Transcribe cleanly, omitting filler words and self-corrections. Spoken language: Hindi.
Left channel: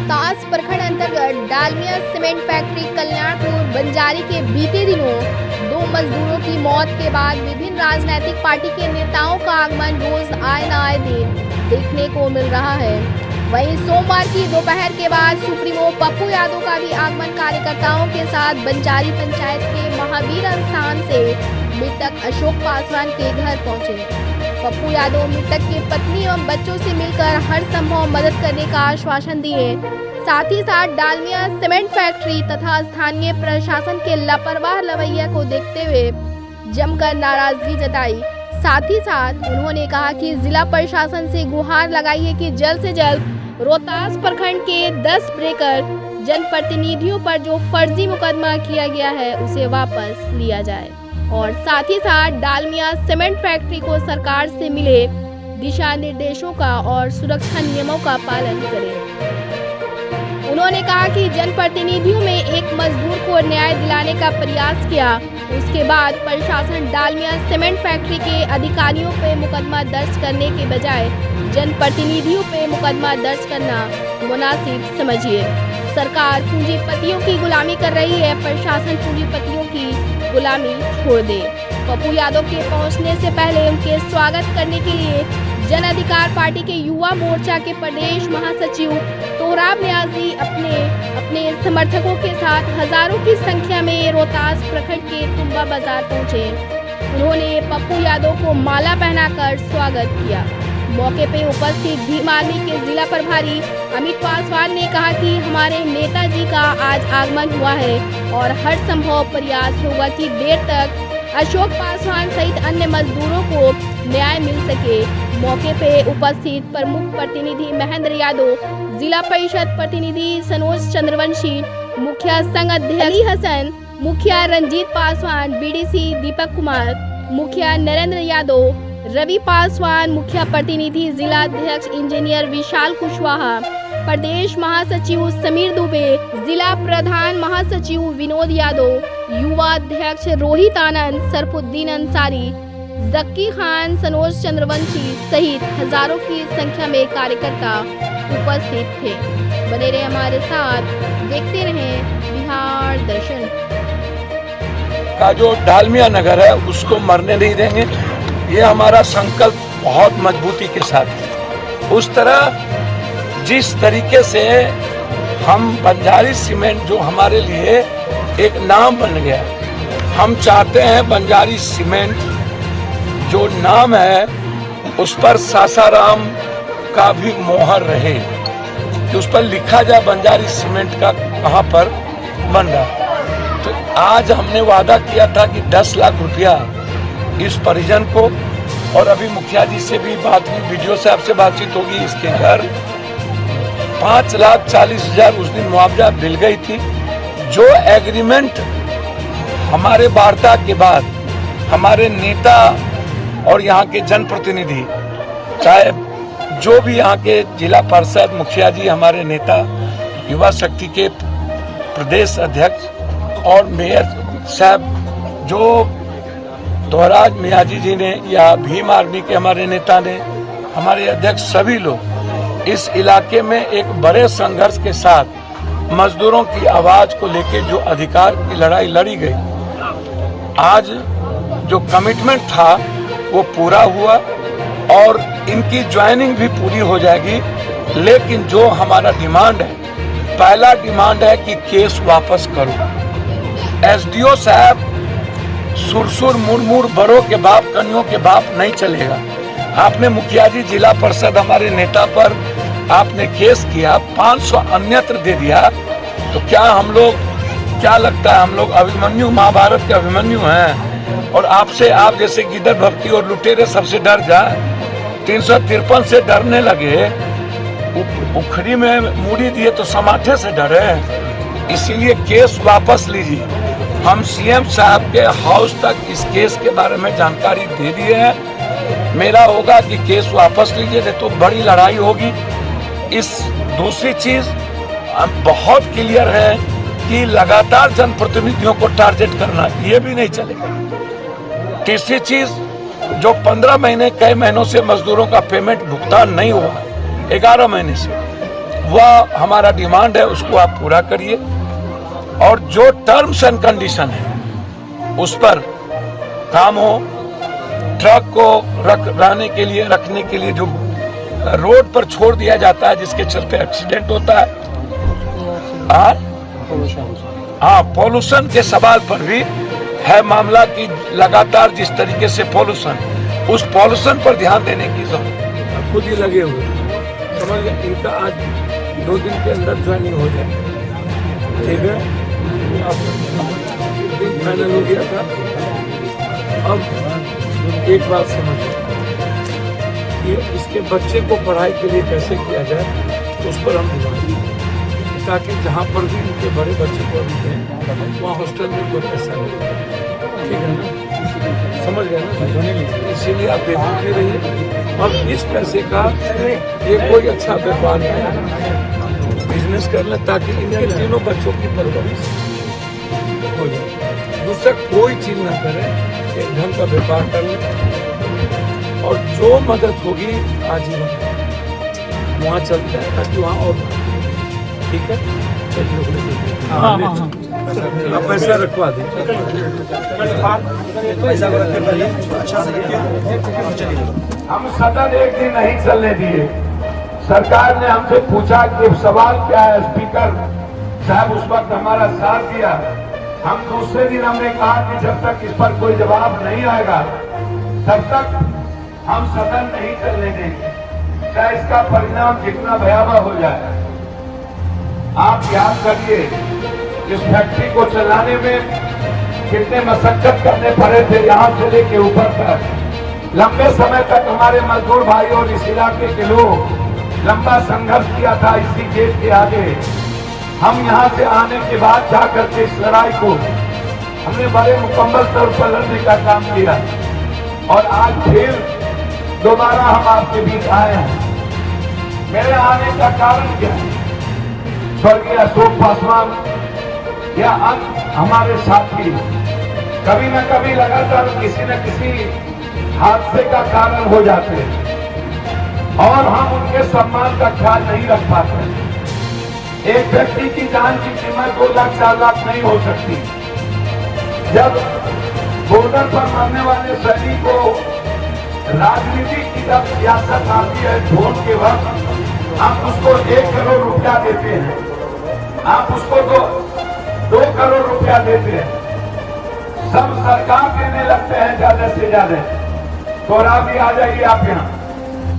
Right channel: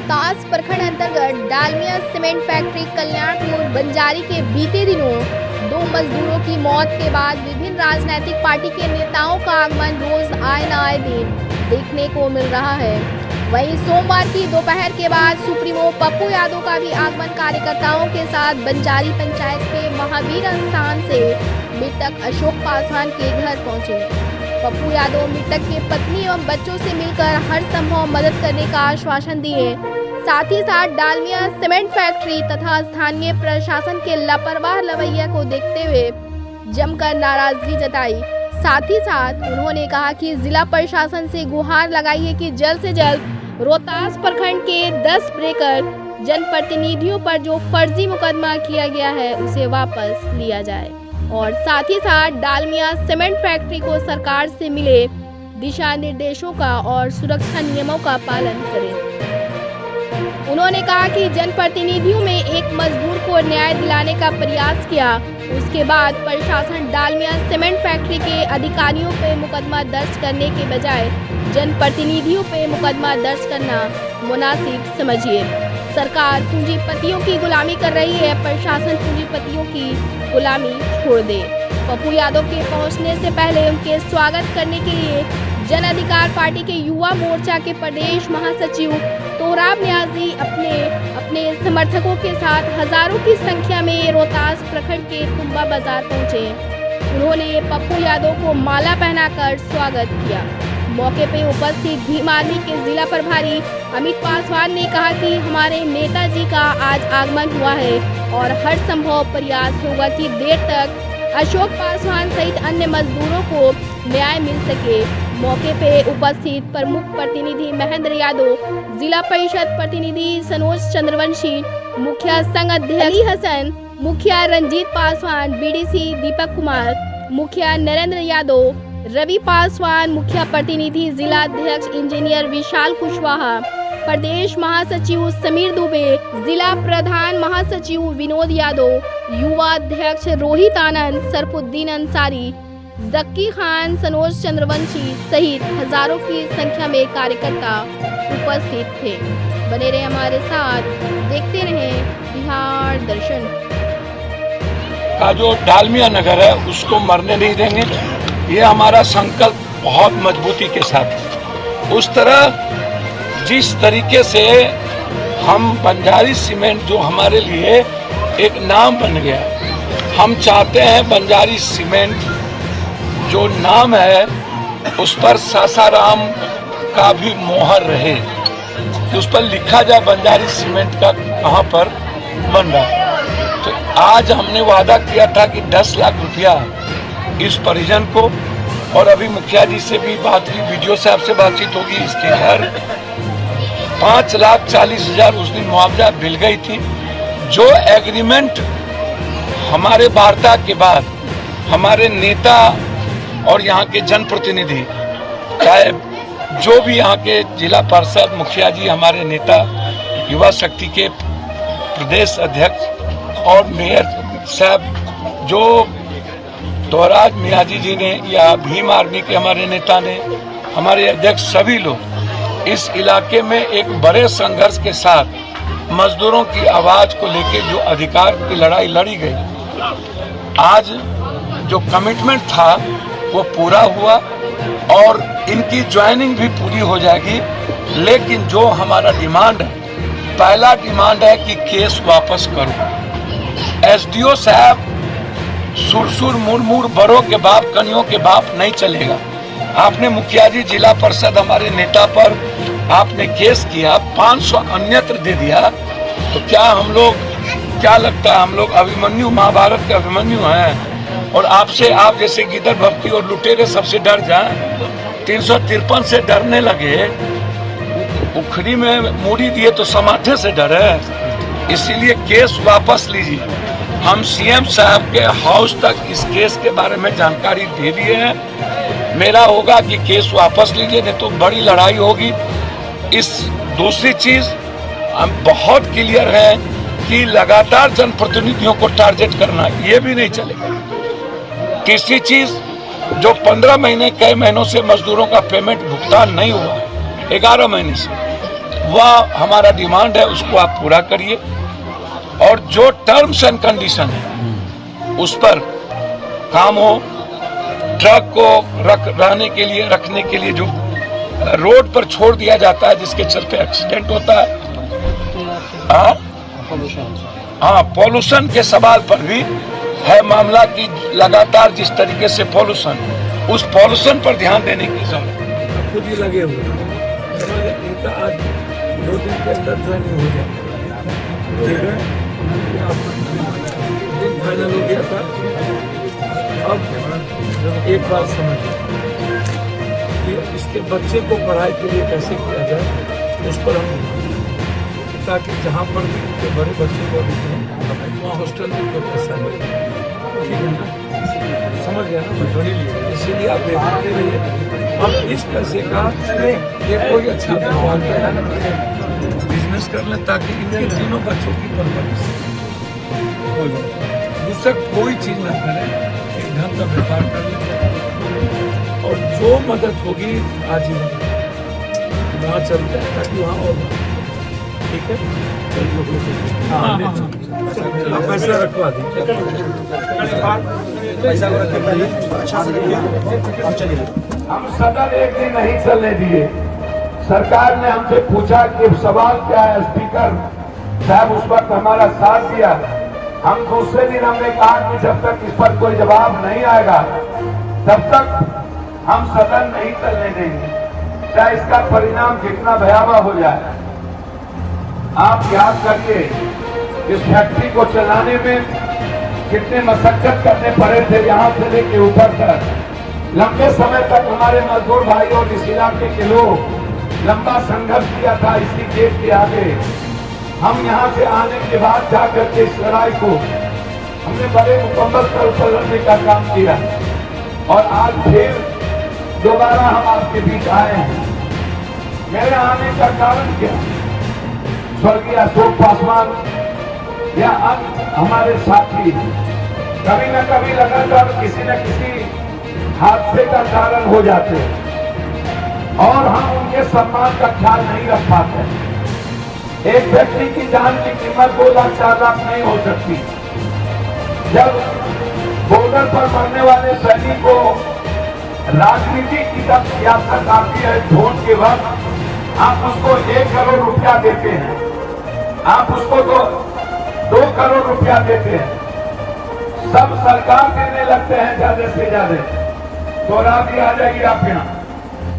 रोहतास प्रखंड अंतर्गत डालमिया सीमेंट फैक्ट्री कल्याणपुर बंजारी के बीते दिनों 2 मजदूरों की मौत के बाद विभिन्न राजनीतिक पार्टी के नेताओं का आगमन रोज आए न आए दिन देखने को मिल रहा है। वहीं सोमवार की दोपहर के बाद सुप्रीमो पप्पू यादव का भी आगमन कार्यकर्ताओं के साथ बंजारी पंचायत के महावीर स्थान से मृतक अशोक पासवान के घर पहुंचे। पप्पू यादव मृतक के पत्नी एवं बच्चों से मिलकर हर संभव मदद करने का आश्वासन दिए। साथ ही साथ डालमिया सीमेंट फैक्ट्री तथा स्थानीय प्रशासन के लापरवाह रवैया को देखते हुए जमकर नाराजगी जताई। साथ ही साथ उन्होंने कहा कि जिला प्रशासन से गुहार लगाई है कि जल्द से जल्द रोहतास प्रखंड के 10 ब्रेकर जनप्रतिनिधियों पर जो फर्जी मुकदमा किया गया है उसे वापस लिया जाए और साथ ही साथ डालमिया सीमेंट फैक्ट्री को सरकार से मिले दिशा निर्देशों का और सुरक्षा नियमों का पालन करें। उन्होंने कहा कि जनप्रतिनिधियों में एक मजदूर को न्याय दिलाने का प्रयास किया, उसके बाद प्रशासन डालमिया सीमेंट फैक्ट्री के अधिकारियों पे मुकदमा दर्ज करने के बजाय जनप्रतिनिधियों पे मुकदमा दर्ज करना मुनासिब समझिए। सरकार पूंजीपतियों की गुलामी कर रही है, प्रशासन पूंजीपतियों की गुलामी छोड़ दे। पप्पू यादव के पहुंचने से पहले उनके स्वागत करने के लिए जन अधिकार पार्टी के युवा मोर्चा के प्रदेश महासचिव तोराब न्याजी अपने समर्थकों के साथ हजारों की संख्या में रोहतास प्रखंड के तुम्बा बाजार पहुंचे। उन्होंने पप्पू यादव को माला पहनाकर स्वागत किया। मौके पे उपस्थित भीम आर्मी के जिला प्रभारी अमित पासवान ने कहा कि हमारे नेताजी का आज आगमन हुआ है और हर संभव प्रयास होगा कि देर तक अशोक पासवान सहित अन्य मजदूरों को न्याय मिल सके। मौके पे उपस्थित प्रमुख प्रतिनिधि महेंद्र यादव, जिला परिषद प्रतिनिधि सनोज चंद्रवंशी, मुखिया संघ अध्यक्ष अली हसन, मुखिया रंजीत पासवान, बीडीसी दीपक कुमार, मुखिया नरेंद्र यादव, रवि पासवान, मुखिया प्रतिनिधि जिला अध्यक्ष इंजीनियर विशाल कुशवाहा, प्रदेश महासचिव समीर दुबे, जिला प्रधान महासचिव विनोद यादव, युवा अध्यक्ष रोहित आनंद, सरफुद्दीन अंसारी, जक्की खान, सनोज चंद्रवंशी सहित हजारों की संख्या में कार्यकर्ता उपस्थित थे। बने रहे हमारे साथ, देखते रहें बिहार दर्शन। का जो डालमिया नगर है उसको मरने नहीं देंगे, ये हमारा संकल्प बहुत मजबूती के साथ है। उस तरह जिस तरीके से हम बंजारी सीमेंट जो हमारे लिए एक नाम बन गया, हम चाहते हैं बंजारी सीमेंट जो नाम है उस पर सासाराम का भी मोहर रहे, कि उस पर लिखा जाए बंजारी सीमेंट का कहाँ पर बन रहा है। तो आज हमने वादा किया था कि 10 लाख रुपया इस परिजन को, और अभी मुखिया जी से भी बात हुई, वीडियो साहब से बातचीत होगी, इसके घर 5,40,000 उस दिन मुआवजा मिल गई थी। जो एग्रीमेंट हमारे वार्ता के बाद हमारे नेता और यहाँ के जनप्रतिनिधि, चाहे जो भी यहाँ के जिला पार्षद, मुखिया जी, हमारे नेता, युवा शक्ति के प्रदेश अध्यक्ष और मेयर साहब, जो तोराब न्याजी जी ने या भीम आर्मी के हमारे नेता ने, हमारे अध्यक्ष, सभी लोग इस इलाके में एक बड़े संघर्ष के साथ मजदूरों की आवाज को लेकर जो अधिकार की लड़ाई लड़ी गई, आज जो कमिटमेंट था वो पूरा हुआ और इनकी ज्वाइनिंग भी पूरी हो जाएगी। लेकिन जो हमारा डिमांड है, पहला डिमांड है कि केस वापस करो। एसडीओ साहब सुरसुर मुरमुर बड़ों के बाप, कनियों के बाप नहीं चलेगा। आपने मुखिया जी, जिला परिषद, हमारे नेता पर आपने केस किया, 500 अन्यत्र दे दिया, तो क्या हम लोग, क्या लगता है हम लोग अभिमन्यु, महाभारत के अभिमन्यु हैं और आपसे, आप जैसे गिदड़ भक्ति और लुटेरे सबसे डर जाए? 353 से डरने लगे, उखड़ी में मूड़ी दिए तो समाथे से डरे। इसीलिए केस वापस लीजिए। हम सीएम साहब के हाउस तक इस केस के बारे में जानकारी दे दिए हैं। मेरा होगा कि केस वापस लीजिए, नहीं तो बड़ी लड़ाई होगी। इस दूसरी चीज हम बहुत क्लियर है कि लगातार जनप्रतिनिधियों को टारगेट करना ये भी नहीं चलेगा। तीसरी चीज, जो 15 महीने, कई महीनों से मजदूरों का पेमेंट भुगतान नहीं हुआ, 11 महीने से, वह हमारा डिमांड है, उसको आप पूरा करिए। और जो टर्म्स एंड कंडीशन है उस पर काम हो। ट्रक को रहने के लिए, रखने के लिए जो रोड पर छोड़ दिया जाता है, जिसके चलते एक्सीडेंट होता है। हाँ, पॉल्यूशन के सवाल पर भी है मामला कि लगातार जिस तरीके से पॉल्यूशन, उस पॉल्यूशन पर ध्यान देने की जरूरत है। खुद ही लगे हुए समझ गए, इनका आज 2 दिन के अंदर ज्वाइनिंग हो जाए, ठीक है। अब दिन फाइनल हो गया था। अब एक बात समझिए कि इसके बच्चे को पढ़ाई के लिए कैसे किया जाए, उस पर हम ध्यान दें, ताकि जहाँ पर भी इनके बड़े बच्चे को अभी दें वहाँ हॉस्टल में कोई पैसा मिले, ठीक है ना, समझ गया ना। इसीलिए आप बेफिक्र रहिए। हम इस पैसे का ये कोई अच्छा व्यापार बिजनेस कर लें, ताकि इनके तीनों बच्चों की परवरिश हो जाए। दूसरा कोई चीज ना करें, एक ढंग का व्यापार कर लें, और जो मदद होगी आजीवन वहाँ चलते हैं, ताकि वहाँ और ठीक है। आप पैसा रखवा दीजिए, पैसा को रखते पहले अच्छा से रखिए, अब चलिए। हम सदन एक दिन नहीं चलने दिए। सरकार ने हमसे पूछा कि सवाल क्या है, स्पीकर साहब उस वक्त हमारा साथ दिया। हम दूसरे दिन हमने कहा कि जब तक इस पर कोई जवाब नहीं आएगा तब तक हम सदन नहीं चलने देंगे, चाहे इसका परिणाम जितना भयावह हो जाए। आप याद करिए, इस फैक्ट्री को चलाने में कितने मशक्कत करने पड़े थे, यहाँ से लेके ऊपर तक। लंबे समय तक हमारे मजदूर भाई और इस इलाके के लोग लंबा संघर्ष किया था इसी गेट के आगे। हम यहाँ से आने के बाद जाकर के इस लड़ाई को हमने बड़े मुकम्मल तौर पर लड़ने का काम किया, और आज फिर दोबारा हम आपके बीच आए हैं। मेरे आने का कारण क्या? स्वर्गीय अशोक पासवान या हमारे साथी कभी न कभी लगातार किसी न किसी हादसे का कारण हो जाते हैं, और हम उनके सम्मान का ख्याल नहीं रख पाते। एक व्यक्ति की जान की कीमत 2 लाख 4 लाख नहीं हो सकती। जब बॉर्डर पर मरने वाले सैनिकों को राजनीति की जब सियासत आती है, वोट के वक्त आप उसको 1 करोड़ रुपया देते हैं, आप उसको 2 करोड़ रुपया देते हैं, सब सरकार देने लगते हैं ज्यादा से ज्यादा। तो रात भी आ जाएगी आप यहाँ।